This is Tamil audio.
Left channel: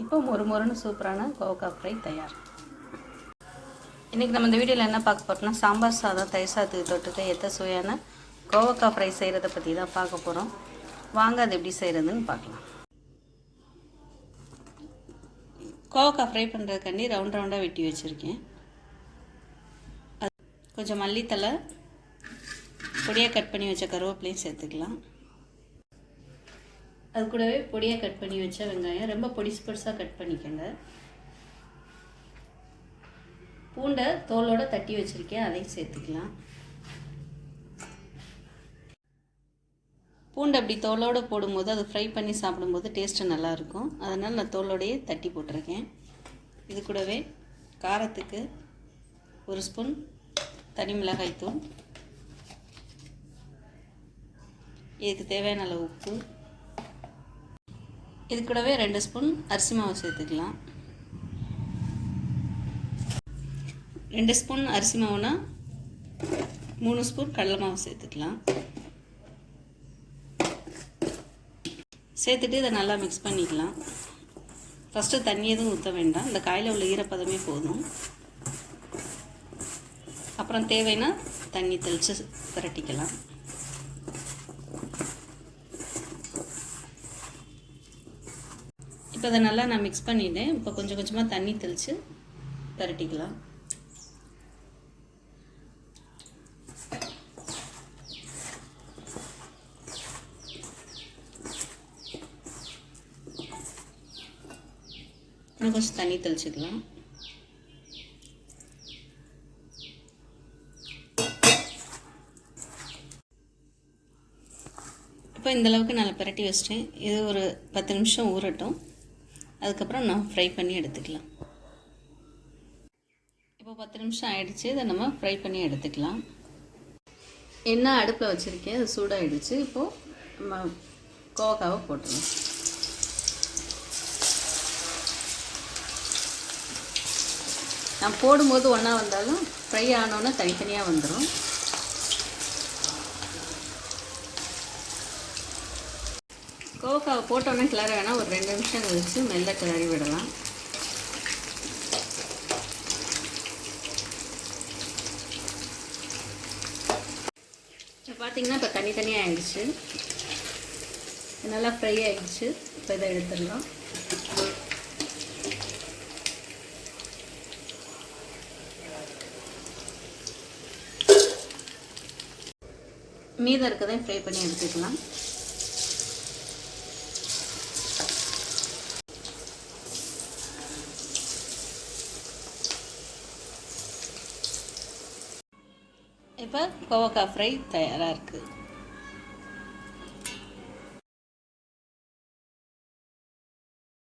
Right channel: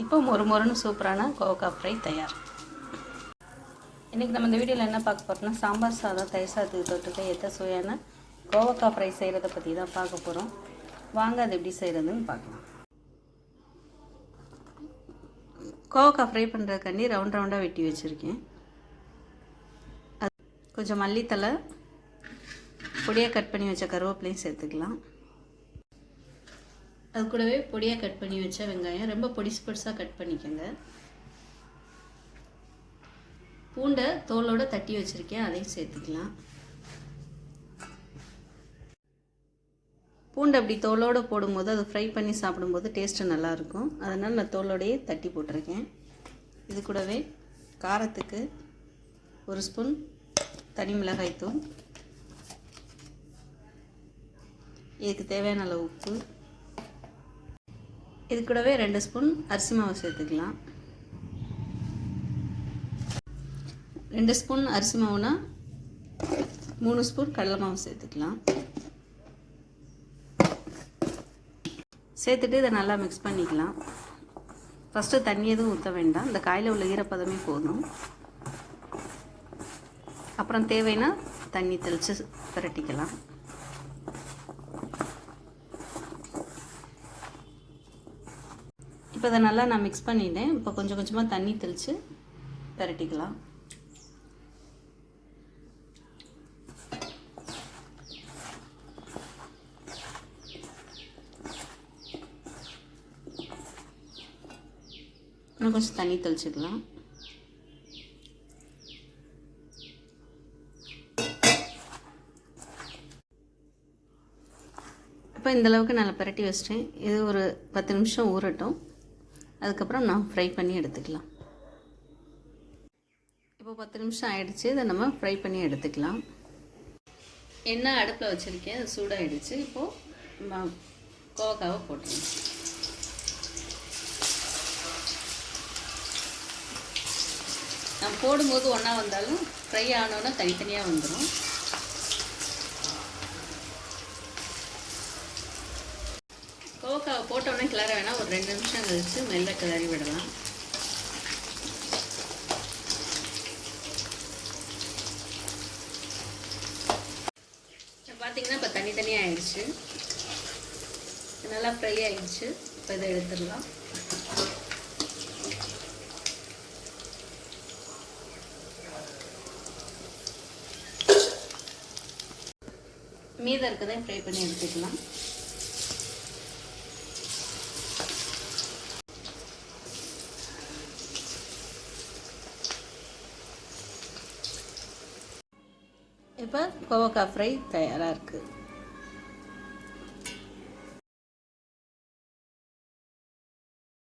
இப்போ மொறு மொறுன்னு சூப்பரான கோவக்காய் ஃப்ரை தயார். இன்றைக்கி நம்ம இந்த வீடியோவில் என்ன பார்க்க போகிறோம்னா சாம்பார் சாதம் தயிர் சாதத்துக்கு தொட்டுக்க எத்த சுவையான கோவக்காய் ஃப்ரை செய்கிறத பற்றி தான் பார்க்க போகிறோம் வாங்க அது எப்படி செய்கிறதுன்னு பார்க்கலாம். கோவக்காய் ஃப்ரை பண்ணுறதுக்காண்டி ரவுண்ட் ரவுண்டாக வெட்டி வச்சுருக்கேன். அது கொஞ்சம் மல்லித்தலை பொடியாக கட் பண்ணி வச்ச கருவேப்பிலையும் சேர்த்துக்கலாம். அது கூடவே பொடியாக கட் பண்ணி வச்ச வெங்காயம் ரொம்ப பொடிசு பொடிசாக கட் பண்ணிக்கோங்க. பூண்டை தோலோட தட்டி வச்சுருக்கேன் அதையும் சேர்த்துக்கலாம். பூண்டை அப்படி தோலோடு போடும்போது அதை ஃப்ரை பண்ணி சாப்பிடும்போது டேஸ்ட்டு நல்லாயிருக்கும். அதனால் நான் தோலோடையே தட்டி போட்டிருக்கேன். இது கூடவே காரத்துக்கு ஒரு ஸ்பூன் தனி மிளகாய் தூள் இதுக்கு தேவையான அளவு உப்பு. இது கூடவே ரெண்டு ஸ்பூன் அரிசி மாவு சேர்த்துக்கலாம். ரெண்டு ஸ்பூன் அரிசி மாவுனா மூணு ஸ்பூன் கடலை மாவு சேர்த்துக்கலாம். சேர்த்துட்டு இதை நல்லா மிக்ஸ் பண்ணிக்கலாம். ஃபஸ்ட்டு தண்ணி எதுவும் ஊற்ற வேண்டாம். இந்த காயில் உள்ள ஈரப்பதமே போதும். அப்புறம் தேவைன்னா தண்ணி தெளித்து திரட்டிக்கலாம் இப்போ இதை நல்லா நான் மிக்ஸ் பண்ணிட்டேன். இப்போ கொஞ்சம் கொஞ்சமாக தண்ணி தெளித்து திரட்டிக்கலாம் இன்னும் கொஞ்சம் தண்ணி தெளிச்சுக்கலாம். இப்போ இந்தளவுக்கு நல்லா பரட்டி வச்சிட்டேன். இது ஒரு பத்து நிமிஷம் ஊறட்டும். அதுக்கப்புறம் நான் ஃப்ரை பண்ணி எடுத்துக்கலாம். இப்போ பத்து நிமிஷம் ஆயிடுச்சு இதை நம்ம ஃப்ரை பண்ணி எடுத்துக்கலாம். எண்ணெய் அடுப்பில் வச்சுருக்கேன் அது சூடாகிடுச்சு இப்போது நம்ம கோவக்காவை போட்டுருவோம் நான் போடும்போது ஒன்றா வந்தாலும் ஃப்ரை ஆனோன்னா தனித்தனியாக வந்துடும் கோவக்காவை போட்டோன்னே கிளற வேணால் ஒரு ரெண்டு நிமிஷம் கழிச்சு மெல்ல கிளறி விடலாம். பார்த்தீங்கன்னா இப்போ தனித்தனியாக ஆயிடுச்சு. நல்லா ஃப்ரை ஆகிடுச்சு இப்போ இதை எடுத்துடலாம். மீதம் இருக்கதை ஃப்ரை பண்ணி எடுத்துக்கலாம். இப்போ கோவக்காய் ஃப்ரை தயாராக இருக்குது